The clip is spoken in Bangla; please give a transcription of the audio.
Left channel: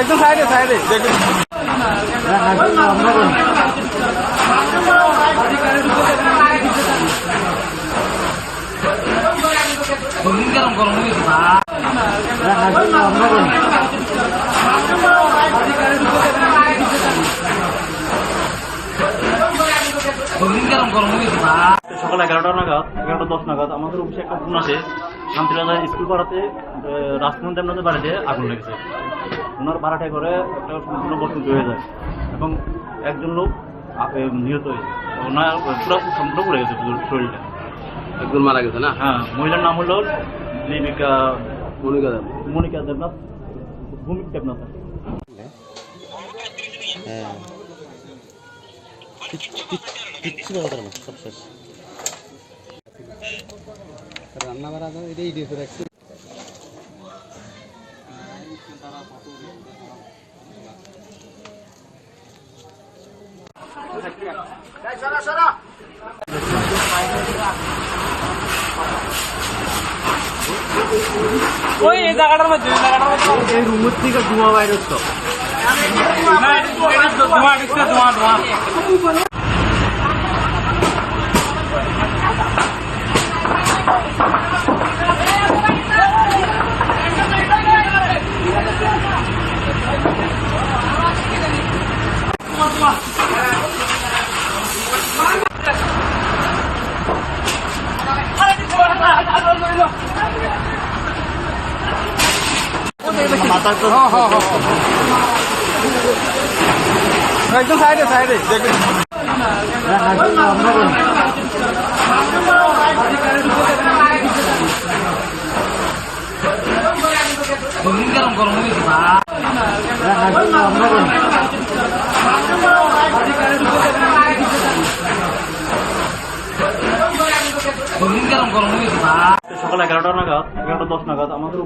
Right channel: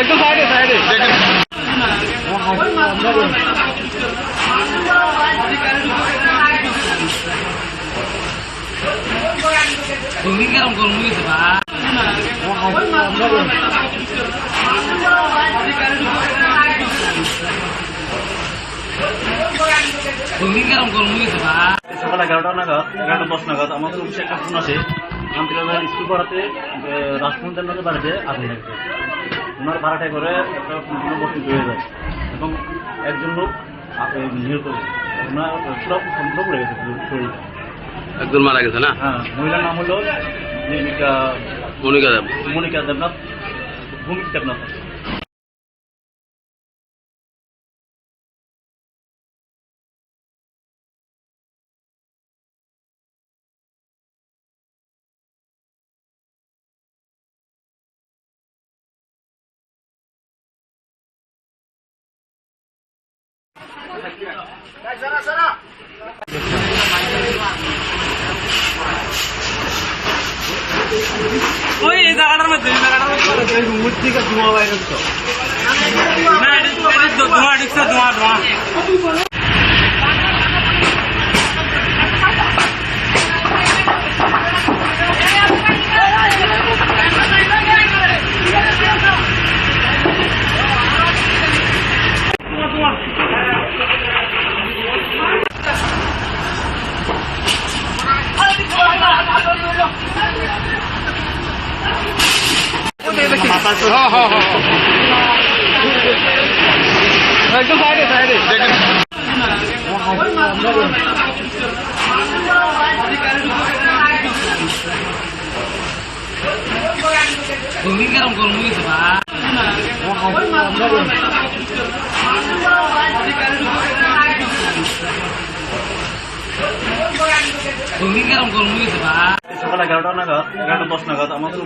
একদম সাইডে সাইডে সকাল 11টা নাগাদ 11:10 নাগাদ আমাদের অফিসে একটা ফোন আসে শান্তিরাজার স্কুল পাড়াতে রাষ্ট্রমন্ত্রী আমাদের বাড়িতে আগুন লেগেছে। ওনার ভাড়াটায় করে একটা সম্পূর্ণ বসতি হয়ে যায় এবং একজন লোক নিহত হয়েছে। ওনার পুরো সম্পূর্ণ পড়ে গেছে শরীরটা, একজন মারা গেছে না? হ্যাঁ, মহিলার নাম হলো মনিকা দেবনাথ, ভূমিক দেবনাথ। রান্না বাড়া এটাই দিয়েছে রাখছি। ওই জায়গাটার মধ্যে রুমের থেকে ধোঁয়া বাইরে হচ্ছে না, ধোঁয়া দিচ্ছে, ধোঁয়া ধোঁয়া। একদম সাইডে সাইডে সকাল 11টা নাগাদ 11:10 নাগাদ আমাদের